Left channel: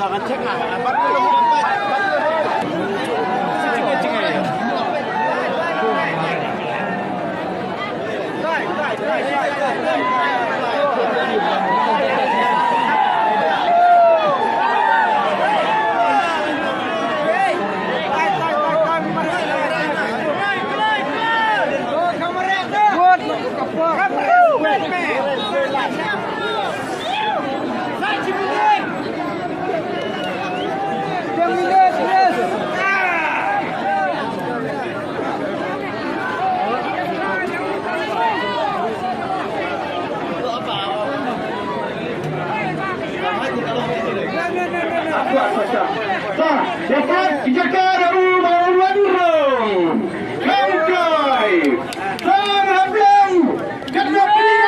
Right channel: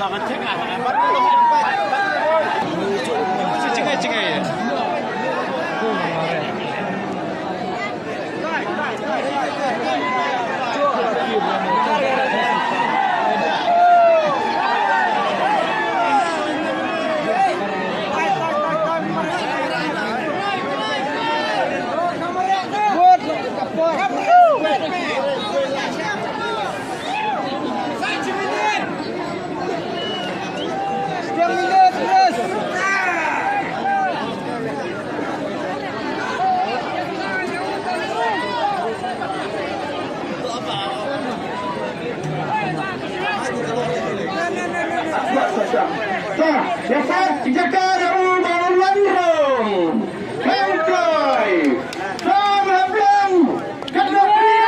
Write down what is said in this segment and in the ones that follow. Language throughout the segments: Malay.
Jangan cek lah. Dapat dijaga dari bawah Kangkai sama belum kedua beli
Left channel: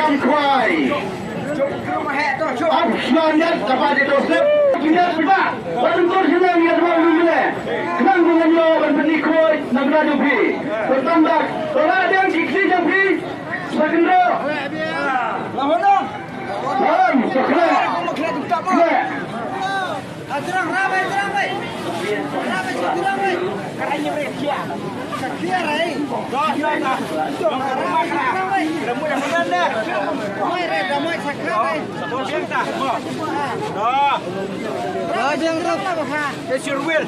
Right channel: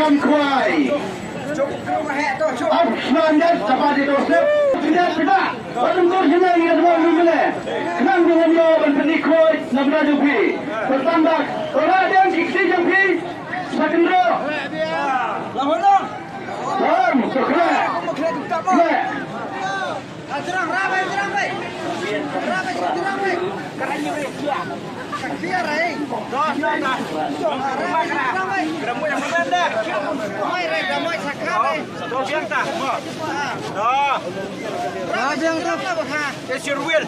Kangkai Absmandat kepada dosen tidak sudah Walaupun senang ia dua minggu Senang dengan yang berikut Nabla Dupi Bertambah orang yang diksi Dupi Sakendro Lahonong Lahon Sokra Serang ramai Keranya berjaya Saktiar Dah ramai Ramai yang benar Ramai sakar Dah biasa Dah Ramai yang ramai lah Esir Will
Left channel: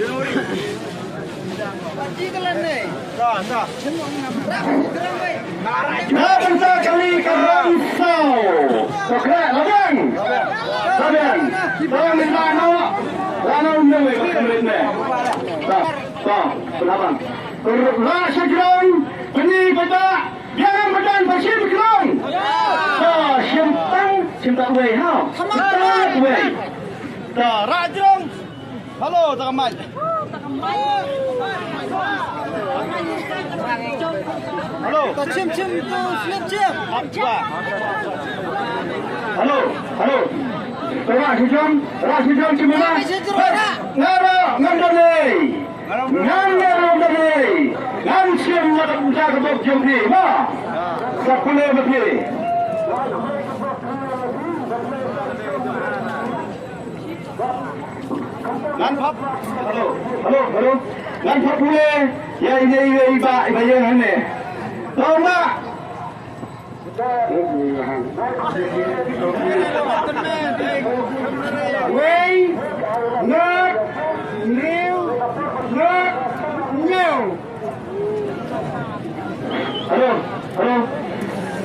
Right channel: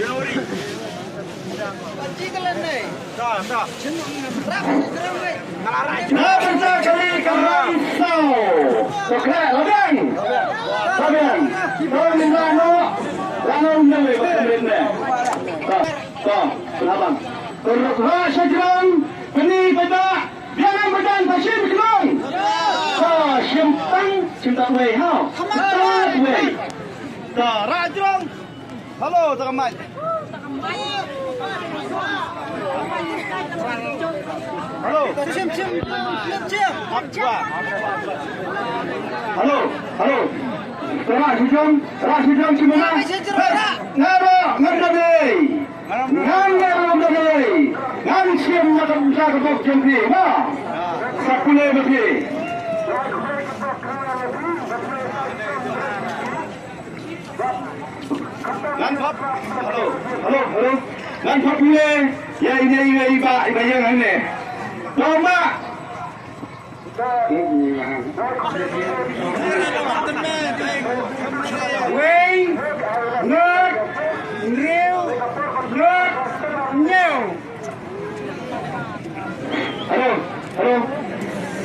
Januari Pagi telan ni Dah Ramai Nampak kali Risau Sekret Labang Lama Labang Rasa jerang Ini bapak Jangan berdan Pasir berkelong Siap wei hao Siap wei Rajong Halo Takamat Halo Siap Halo Rajong Cimana Nang siap nak usaha kepada jempi, sepuluh betul. Lantak, halo. Lantak boleh. Ya ini iba yang ini. Toma. Wei, not, new. Halo.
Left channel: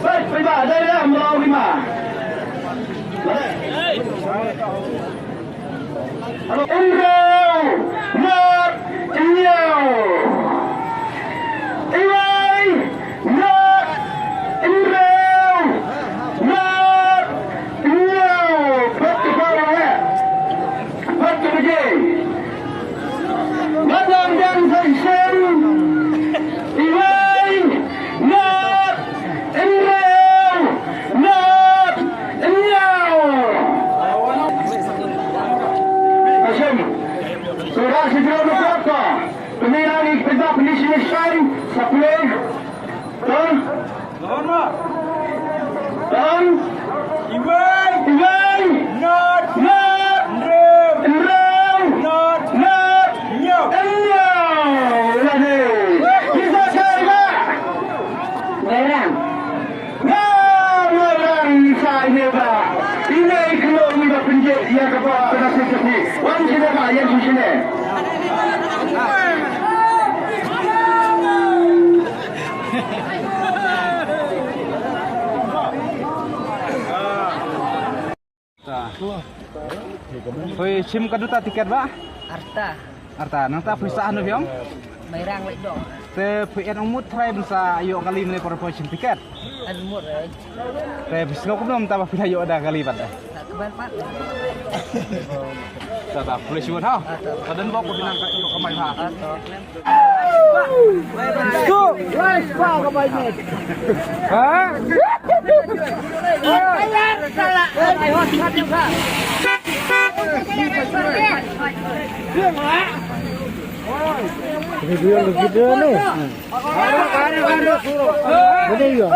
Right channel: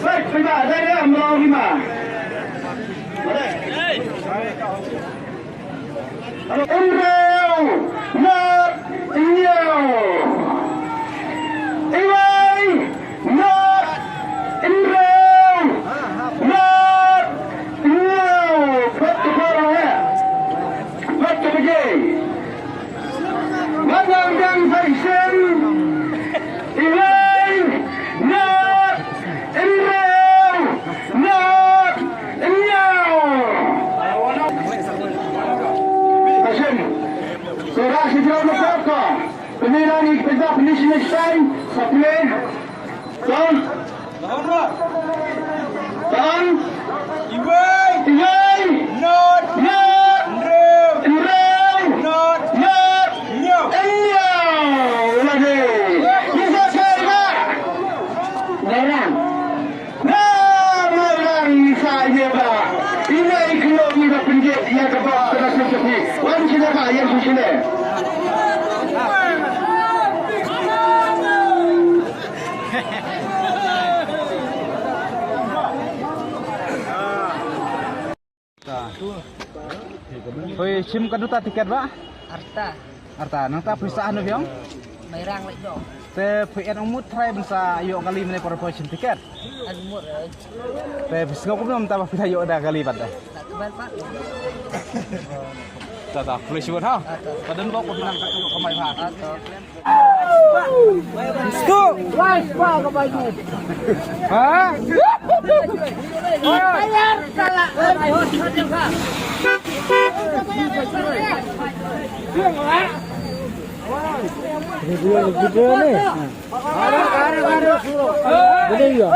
Baik, Pak, dari dah mau 5. Halo, Enggau. Not, Enggau. Iwai, not, Enggau. Not, Enggau. Baik, kerja. Madam dan Faisal. Iwai, not, Enggau. Not, Enggau. Hasim, surah segera berapa? Pemilihan ikhtiar penisnis time, sepuluh. Tahun. Iwai, not, yang kepada penasihat ini, wajib apa yang di sini? Hoi, sim kaduta tiket ba? Arta. Nang ta perusahaan tu yang? Mairang lek dong. Te PN umut try bensa ayo kali menai corporation tiket. Umur Te bisno ko belum tambah ayo ada kali pada. tak kebal pak. Tak boleh siwat ha. Padan bawa ko dinang kamay ha. Atau Let's go. Video ni. Ada suruh. Boleh ya.